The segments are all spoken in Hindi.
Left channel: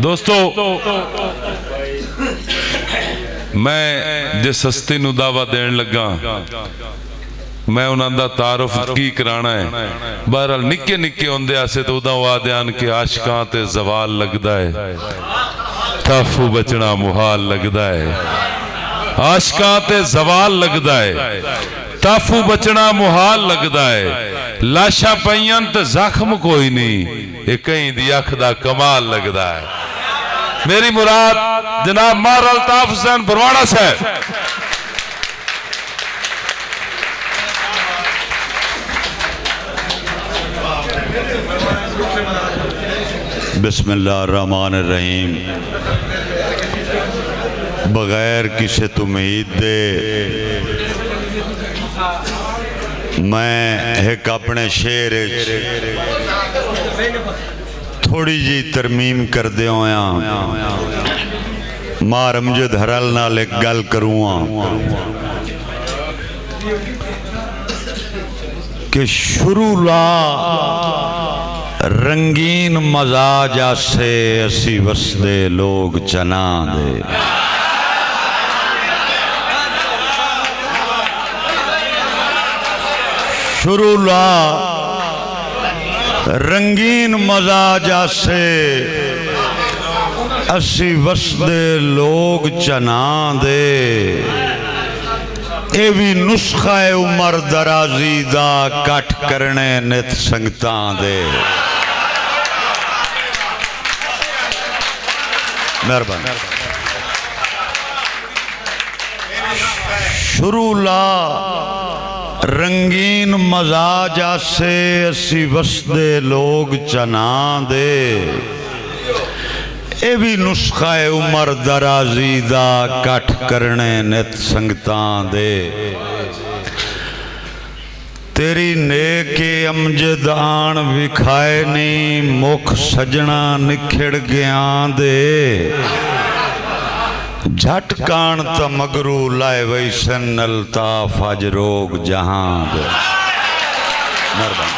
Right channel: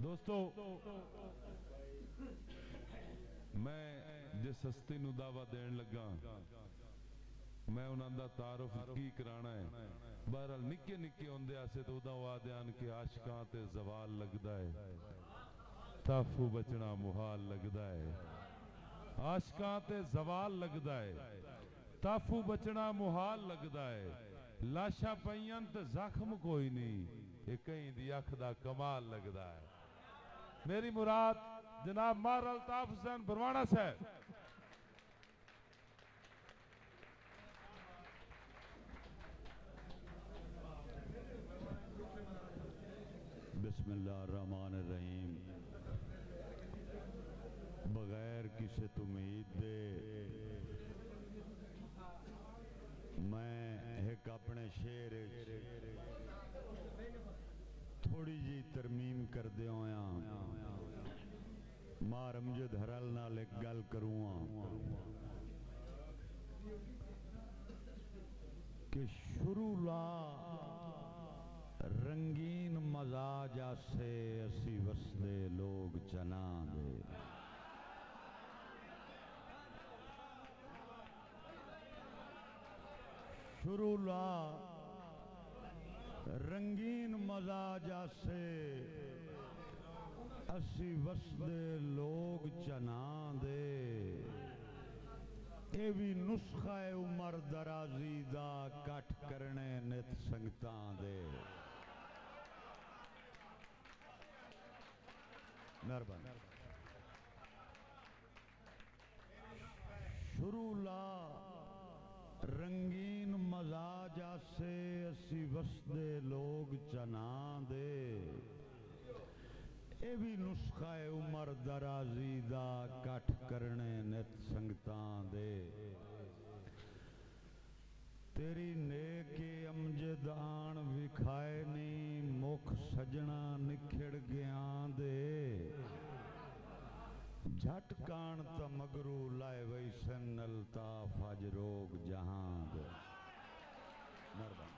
दोस्तों मैं जिस हस्ती नूं दावा देन लगा मैं उन्हां दा तारुफ की कराना है। बहरहाल निक्के निक्के होंदे आसे तो उदा आदे आन के आशिकां ते जवाल लगदा है, ताफू बचना मुहाल लगदा है। आशिकां ते जवाल लगदा है, ताफू बचना मुहाल लगदा है। लाशा पईयां ते जख्म कोई नहीं, ये कहीं दी अख दा कमाल लगदा है। मेरी मुराद जनाब मार अल्ताफ हुसैन बरवाड़ा साहब। बिस्मिल्लाहिर्रहमानिर्रहीम। बगैर किसी उम्मीद दे मैं एक अपने शेर थोड़ी जी तरमीम कर दे होया मार अमजद हरल नाल एक गल करूँगा कि शुरू ला रंगीन मजाज से असी वसदे लोग चना दे। शुरू ला रंगीन मजाज से असी वसदे लोग चना दे। ये भी नुस्खा है उमर दराजी दा कट करने नित संगतां दे। मेहरबानी। शुरू ला रंगीन मजाज से असी वसदे लोग चना दे। ये भी नुस्खा है उमर दराजी दा कट करने नित संगतां दे। तेरी नेके अमजद आन विखाए नहीं मुख सजना निखड़ गया दे। झट कान त मगरू लाए वैसन अल्ताफ अज रोग जहां दे। मेहरबानी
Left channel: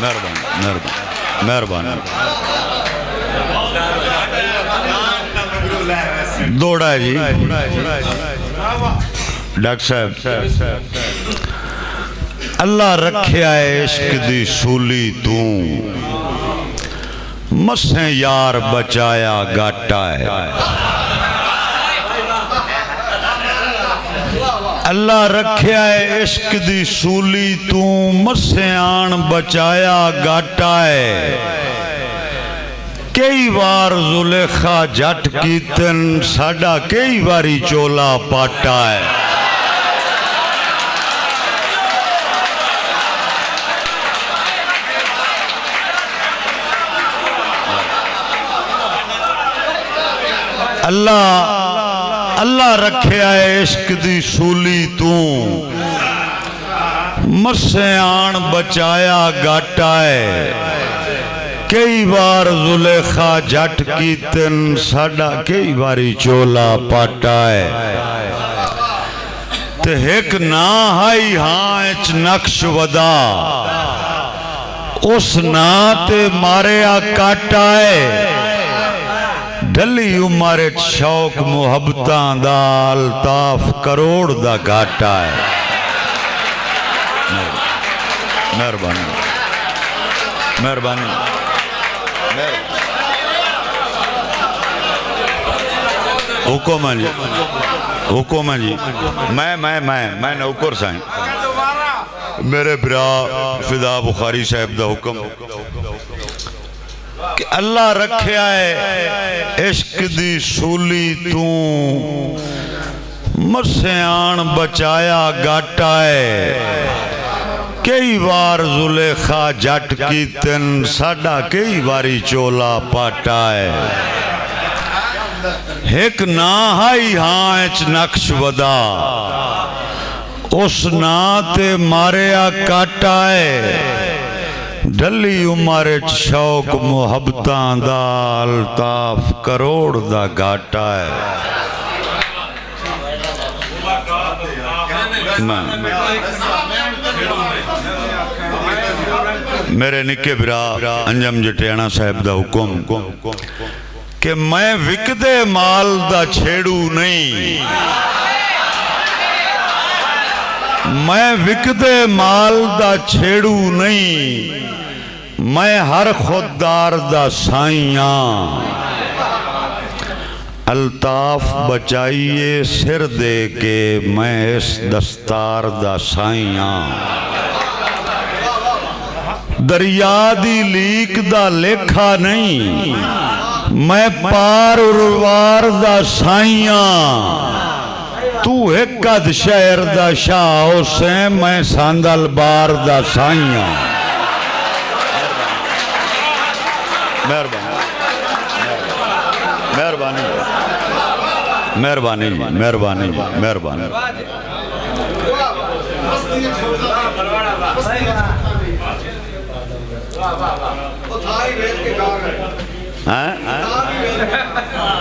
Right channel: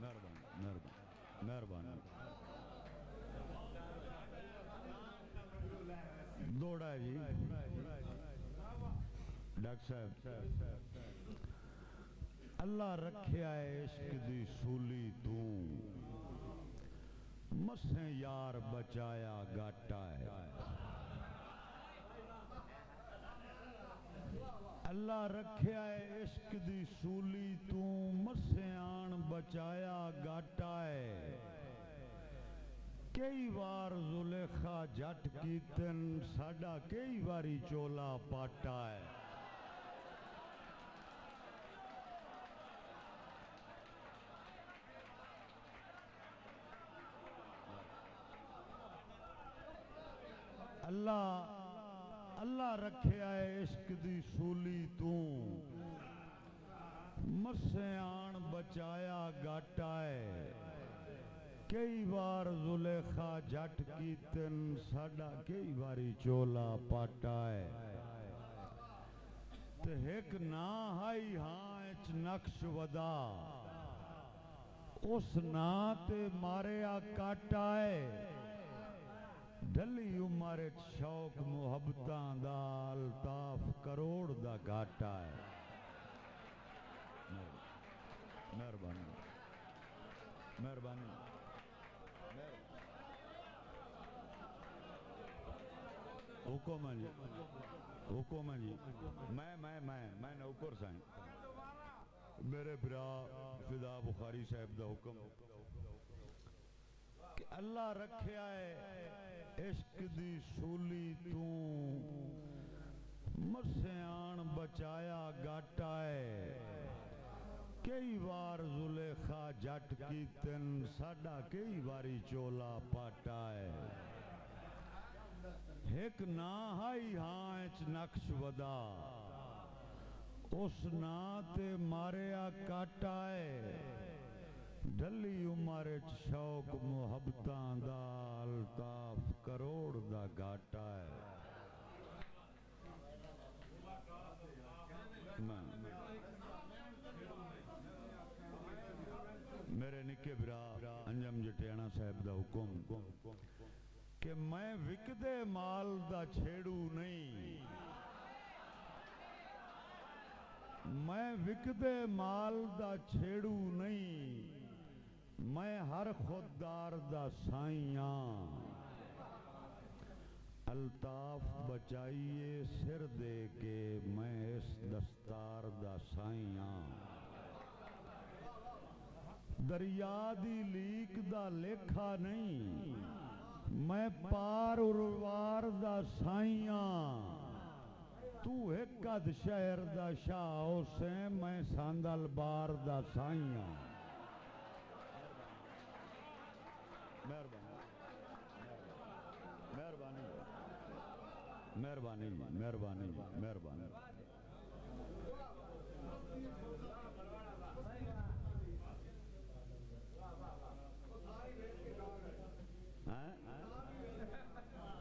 मेहरबानी मेहरबानी मेहरबानी। दौड़ा जी डॉक्टर साहब। अल्लाह रखिया इश्क दी सूली तू मसे यार बचाया गाटा है। अल्लाह रखिया इश्क दी सूली तू मसे आन बचाया गाटा है। कई बार जुलेखा जट कीतन साडा कई बारी चोला पाटा है। अल्लाह अल्लाह रखिया इश्क दी सूली तू मसे आन बचाया गाटा है। कई बार जुलेखा जट कीतन साडा कई बारी चोला पाटा है। ते एक ना हाई हाँ च नक्श वदा उस ना ते मारिया काटा है। ढली उमर शौक मुहब्बतां दा अल्ताफ करोड़ दा घाटा है। मेहरबानी मेहरबानी। हुकुम है जी हुकुम है जी। मैं नौकर साईं मेरे बिरा फिदा बुखारी साहब दा हुक्म कि अल्लाह रखिया है इश्क दी सूली तू मसे आन बचाया गाटा है। कई बार जुलेखा जट कीतन साडा कई बारी चोला पाटा है। एक ना हाई हाँ च नक्श वदा उस ना ते मारिया काटा है। ढली उमर शौक मुहब्बतां दा अल्ताफ करोड़ दा घाटा है। मेरे निके बिरा अंजम जटियाणा साहब दा हुक्म कि मैं विकदे माल दा छेड़ू नहीं, मैं विकदे माल दा छेड़ू नहीं, मैं हर खुददार दा साइया। अल्ताफ बचाइए सिर दे के मैं इस दस्तार दा साइया। दरिया दी लीक दा लेखा नहीं, मैं पार उरवार दा साइया। तू एक अद शहर दा शाह उसे मैं सांदल बार दा साइया। मेहरबानी मेहरबानी मेहरबानी मेहरबानी।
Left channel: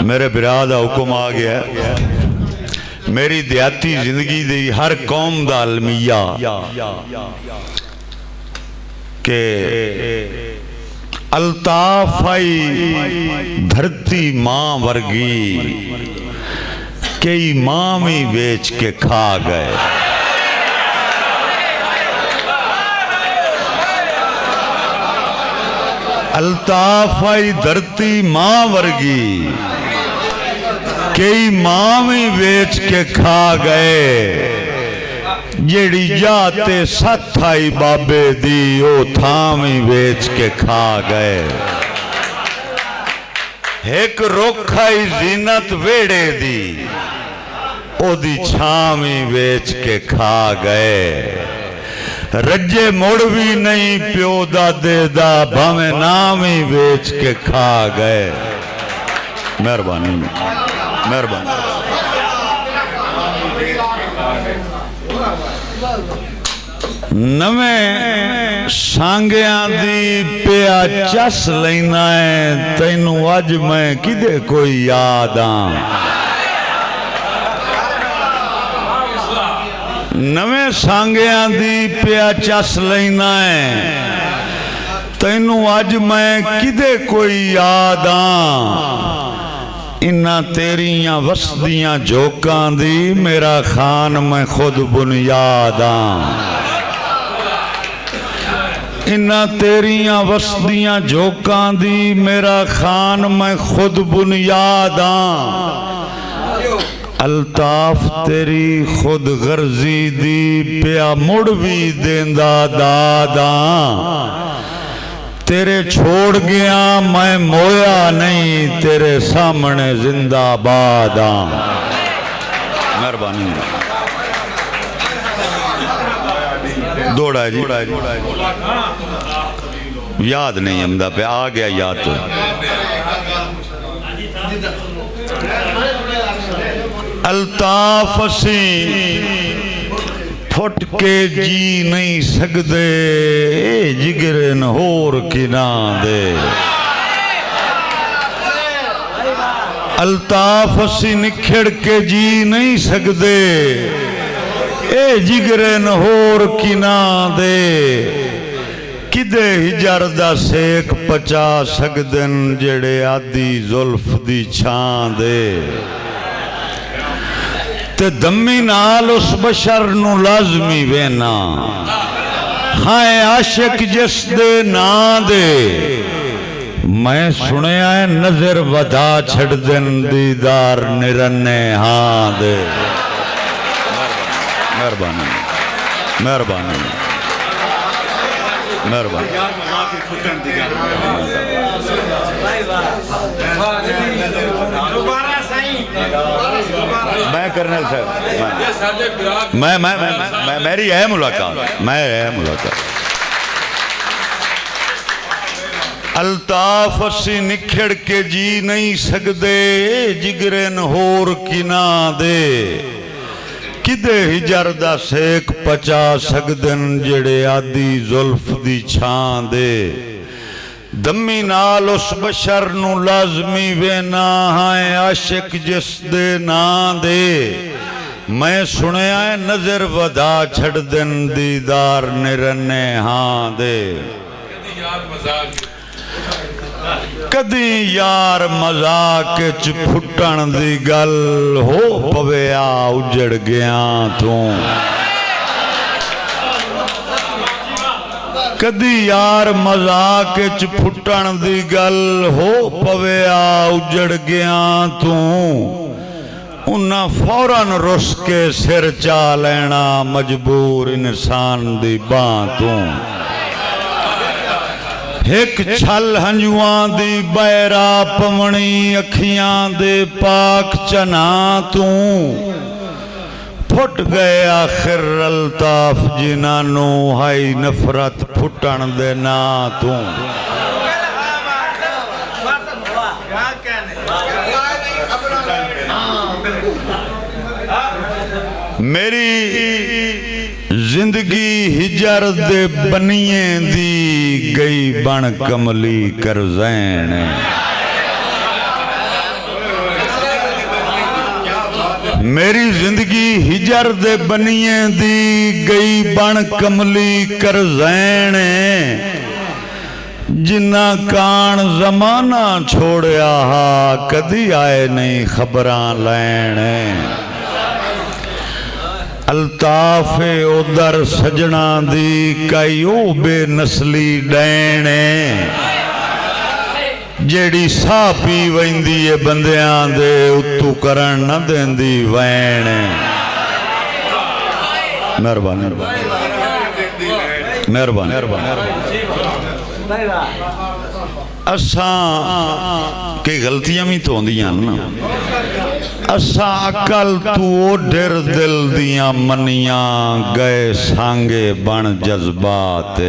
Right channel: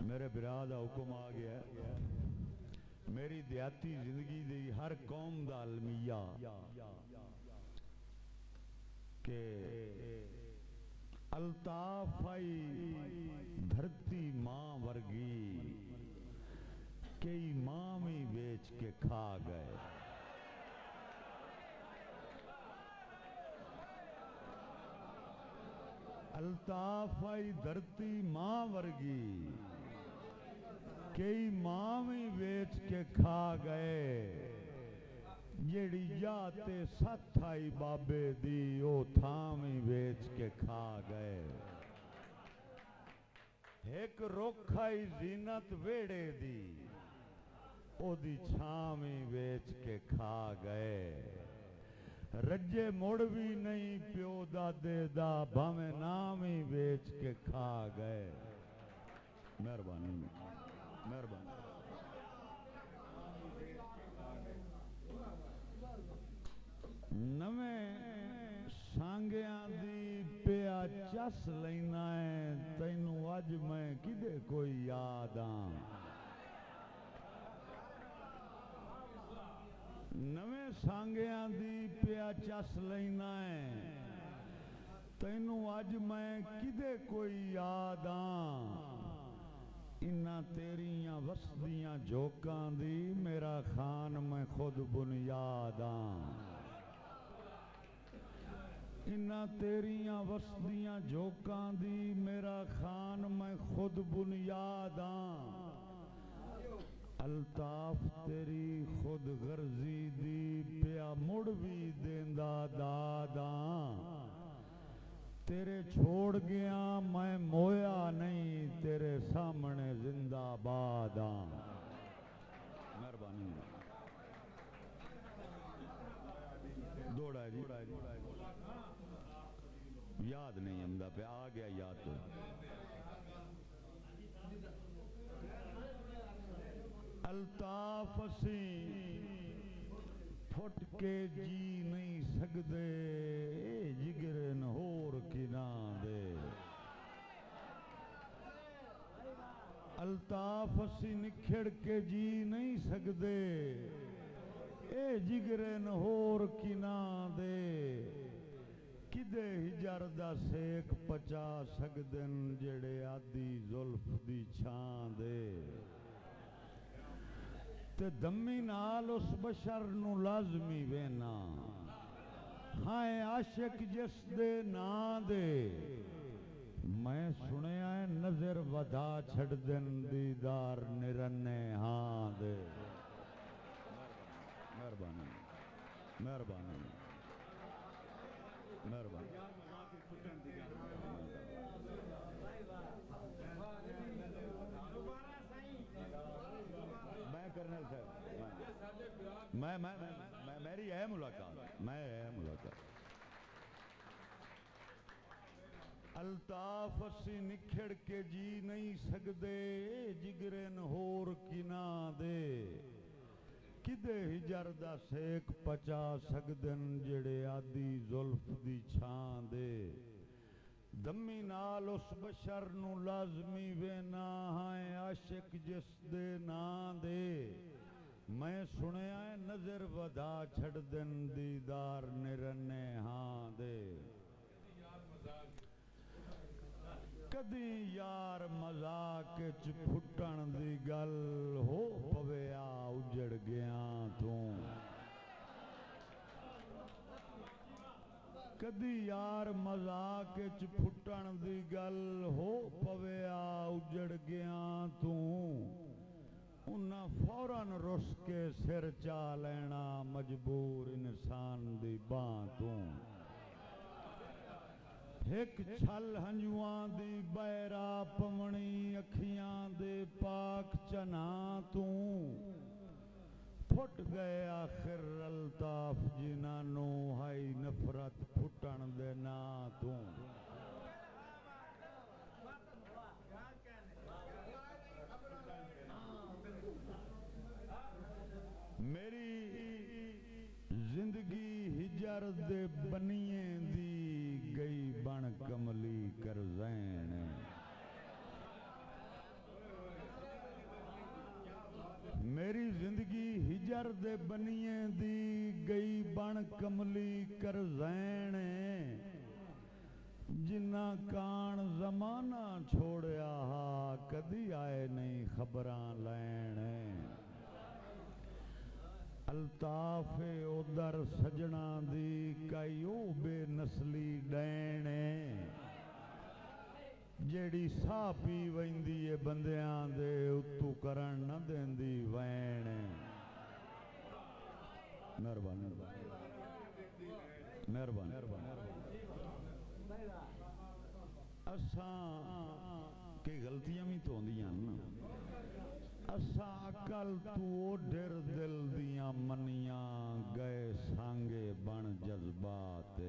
मेरे बिरा दा हुक्म आ गया। मेरी देहाती जिंदगी दी हर कौम दा अलमिया के अल्ताफ आई धरती मां वर्गी, कई मां भी बेच के खा गए। अल्ताफ आई धरती मां वर्गी, कई मां भी बेच के खा गए। जेड़ी जाते सथ आई बाबे दी ओ थां भी बेच के खा गए। एक रुख आई जीनत वेड़े दी, ओदी छां भी बेच के खा गए। रज्जे मुड़ भी नहीं प्यो दादे दा, भावे नाम ही बेच के खा गए। मेहरबानी मेहरबानी। नवें सांगिया दी पिया चस लेना है, तैनू अज मैं किदे कोई याद आ। नवें सांगिया दी पिया चस लेना है, तैनू अज मैं किदे कोई याद आ। इन्ना तेरियां वसदियां जोकां दी मेरा खान मैं खुद बुनियाद आ। इन्ना तेरियां वसदियां जोकां दी मेरा खान मैं खुद बुनियाद आ। अल्ताफ तेरी खुद गर्जी दी पिया मुड़ भी देंदा दादा। तेरे छोड़ गया मैं मोया नहीं, तेरे सामने जिंदाबाद आ। मेहरबानी। दौड़ा जी याद नहीं हमदा पे आ गया याद तो। अल्ताफ असी फुट के जी नहीं सकते, जिगरे न होर किना दे। अल्ताफ असी निखड़ के जी नहीं सकते, ए जिगरे न होर किना दे। किदे हिजर दा सेक पचा सकदन जेड़े आदि जुल्फ दी छां दे। ते दम्मी नाल उस बशर नू लाजमी वेना, हाय आशिक जिस दे नां दे। मैं सुनिया है नजर वधा छड़ दिन दीदार निरन्ने हां दे। मेहरबानी मेहरबानी मेहरबानी। मैं कर्नल साहब मैं मेरी है मुलाकात, मैं है मुलाकात। अल्ताफ असी निखड़ के जी नहीं सकते, जिगरे न होर किना दे। किदे हिजर दा सेक पचा सकदन जेड़े आदि जुल्फ दी छां दे। दम्मी नाल उस बशर नू लाजमी वेना, हाय आशिक जिस दे नां दे। मैं सुनिया है नजर वधा छड़ दिन दीदार निरन्ने हां दे। कदी यार मजाक च फुटण दी गल हो पवे आ उजड़ गया तू कदी यार मजाक च फुटण दी गल हो पवे आ उजड़ गया तू उन्ना फौरन रुस के सिर चा लेना मजबूर इंसान दी बां तू एक छल हंजुआं दी बैरा पवनी अखियां दे पाक चना तू फुट गए आखिर अल्ताफ जिन्हां हाई नफरत फुटण दे ना तू मेरी जिंदगी हिजर दे बनिए दी गई बन कमली करजैन मेरी जिंदगी हिजर दे बनिए दी गई बन कमली करजैन जिन्ना कान जमाना छोड़या हा कदी आए नहीं खबरां लैण अल्ताफे उधर सजना दी कई ओ बेनस्ली डैने जेड़ी सा पी वैंदी है बंदियां दे उत्तू करन न देंदी वैण मेहरबानी मेहरबानी असा के गलतियां भी तो होंदियां ना असा अकल तू ओढ़र दिल दियां मनियां गए सांगे बन जज्बात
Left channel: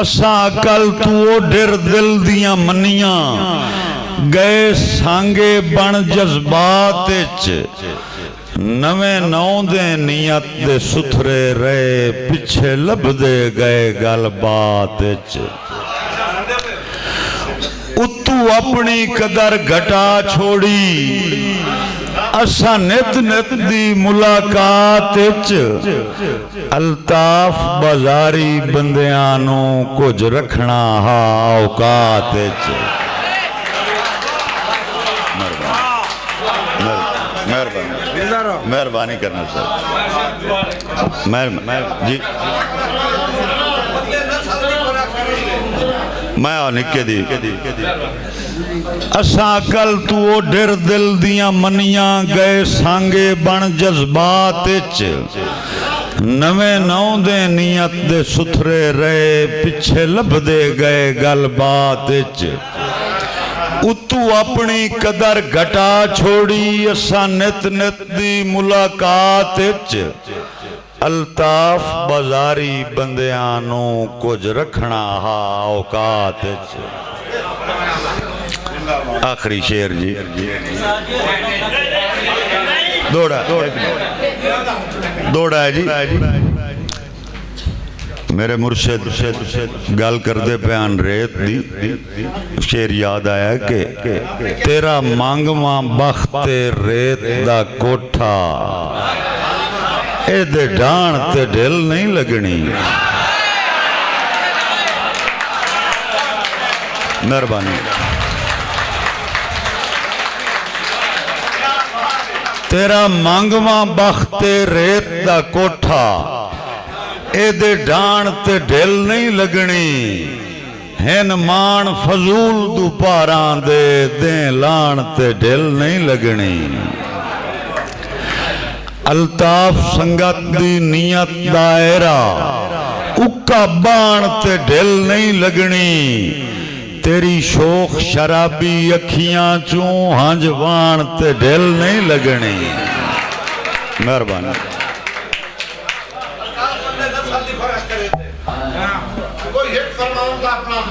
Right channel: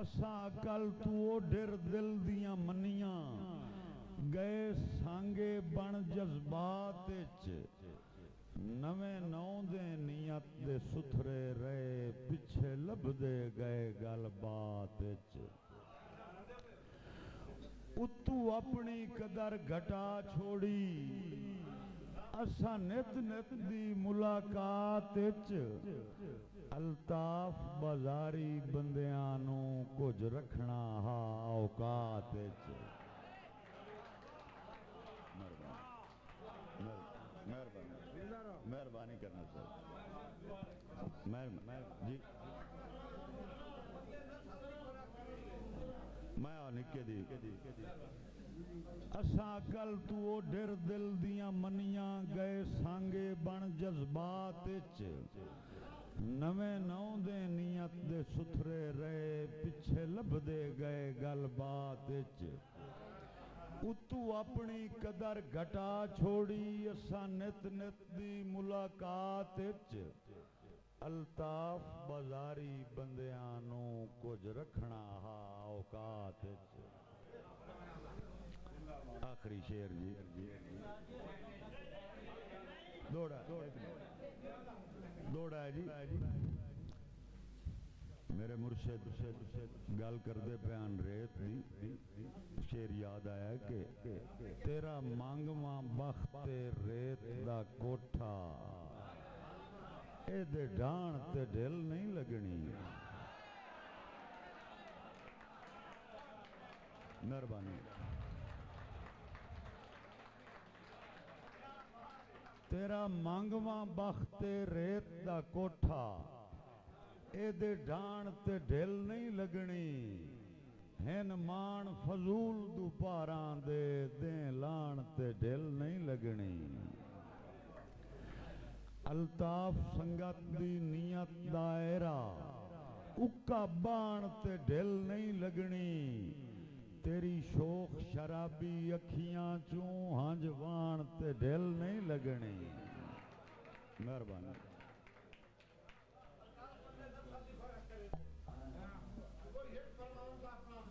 असा अकल तू ओढ़र दिल दियां मनियां गए सांगे बन जज्बात नवे नौ दे नियत दे सुथरे रहे पिछे लभदे गए गल बात उतू अपनी कदर घटा छोड़ी असा नित नित दी मुलाकात अल्ताफ बाजारी बंदियां नू कुछ रखना हा औकात मेहरबानी करना सर जी मैं निके दी असा कल तू ओढ़र दिल दियां मनियां गए सांगे बन जज्बात नवे नौ दे नियत दे सुथरे रहे पिछे लभदे गए गल बात उतू अपनी कदर घटा छोड़ी असा नित नित दी मुलाकात अल्ताफ बाजारी बंदियां नू कुछ रखना हा औकात आखिरी शेर जी दौड़ा है जी मेरे मुर्शिद गल करते प्यान रेत दी शेर याद आया कि तेरा मांगवा बख्ते रेत दा कोठा ए डाण ते ढिल नहीं लगनी मेहरबानी तेरा मांगवा बख्ते रेत दा कोठा ए डाण ते ढिल नहीं लगनी हैन मान फजूल दुपारां दे लाण ते ढिल नहीं लगनी अल्ताफ संगत दी नियत दायरा उक्का बाण ते ढिल नहीं लगनी तेरी शोख शराबी अखियां चूं हंज बाण ते ढिल नहीं लगनी मेहरबानी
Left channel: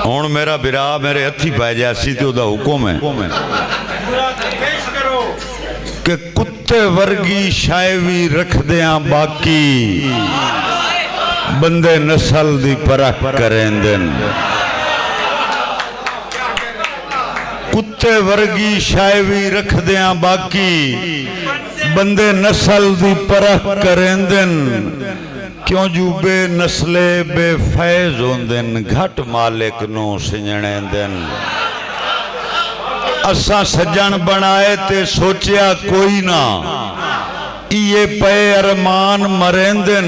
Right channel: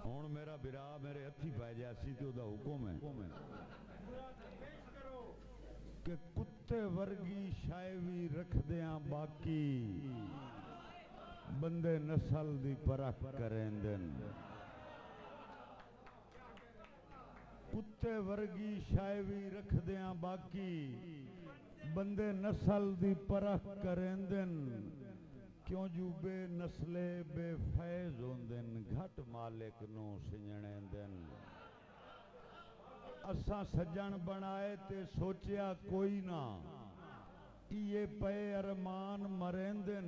हुण मेरा बिरा मेरे हथी पै जासी तो उहदा हुक्म है कि कुत्ते वर्गी शायवी रखदियां बाकी बंदे नस्ल दी परख करेंदे कुत्ते वर्गी शायवी रखदियां बाकी बंदे नस्ल दी परख करेंदे क्यों जू बेनस्ले बेफैज होंदे घट मालिक नू सिंजणे दिन। असा सज्जन बनाए ते सोचिया कोई ना, ये पे अरमान मरेंदन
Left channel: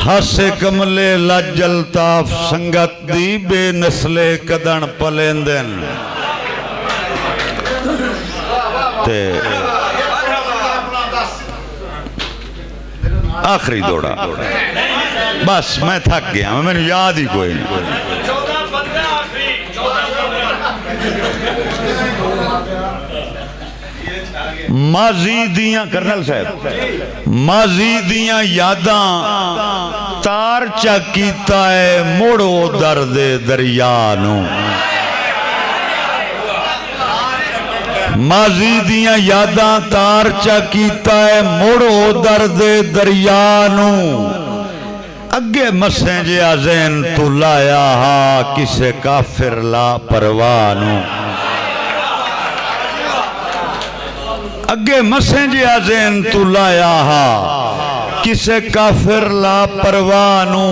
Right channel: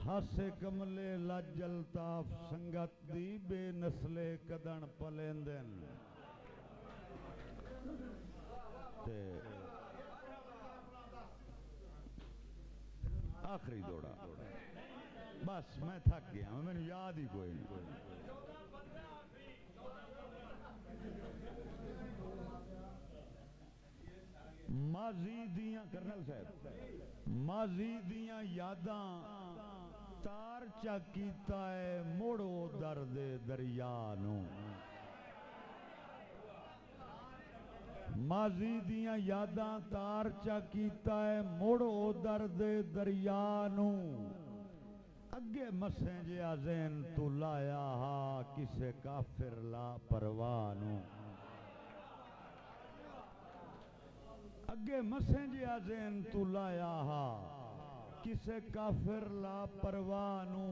हासे कमले लज्जल ताफ संगत दी बेनस्ले कदन पलेंदन। ते आखिरी दौड़ा, बस मैं थक गया, मैंने याद ही कोई नहीं। माजी दियां कर्नल साहब, माजी दियां यादां तार चा कीता है मोड़ो दर्द दरिया नू। माजी दियां यादां तार चा कीता है मोड़ो दर्द दरिया नू। अगे मसे जिया ज़हन तू लाया हा किसे काफिर ला परवाह नू। अगे मसे जिया ज़हन तू लाया हा किसे काफिर ला परवाह नू।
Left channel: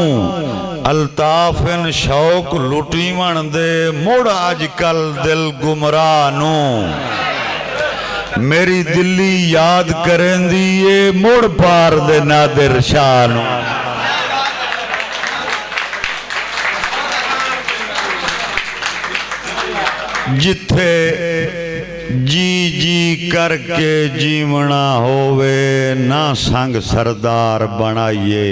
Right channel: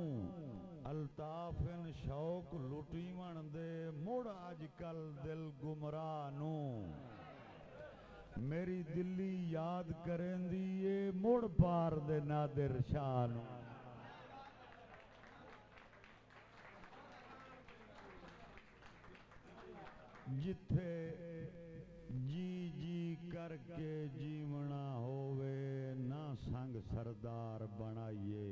अल्ताफिन शौक लुटी मन दे मुड़ अजकल दिल गुमराह नू। मेरी दिल्ली याद करेंदी ये मुड़ पार दे नादिर शाह नू। जिथे जी जी करके जीवना होवे ना संग सरदार बनाइए।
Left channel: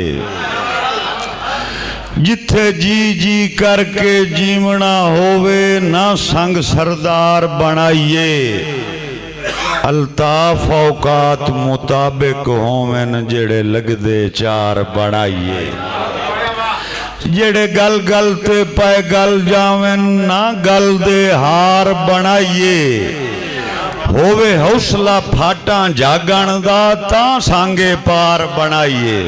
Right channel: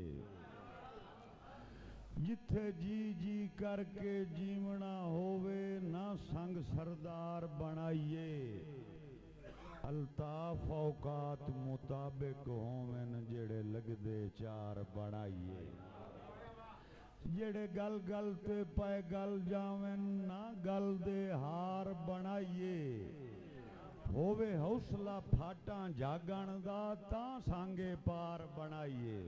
जिथे जी जी करके जीवना होवे ना संग सरदार बनाइए। अल्ताफ औकात मुताबिक होवन जेड़े लगदे चार बनाइए। जेड़े गल गल ते पाए गल जावन ना गल दे हार बनाइए। होवे हौसला फाटा जागण दा तां सांगे पार बनाइए।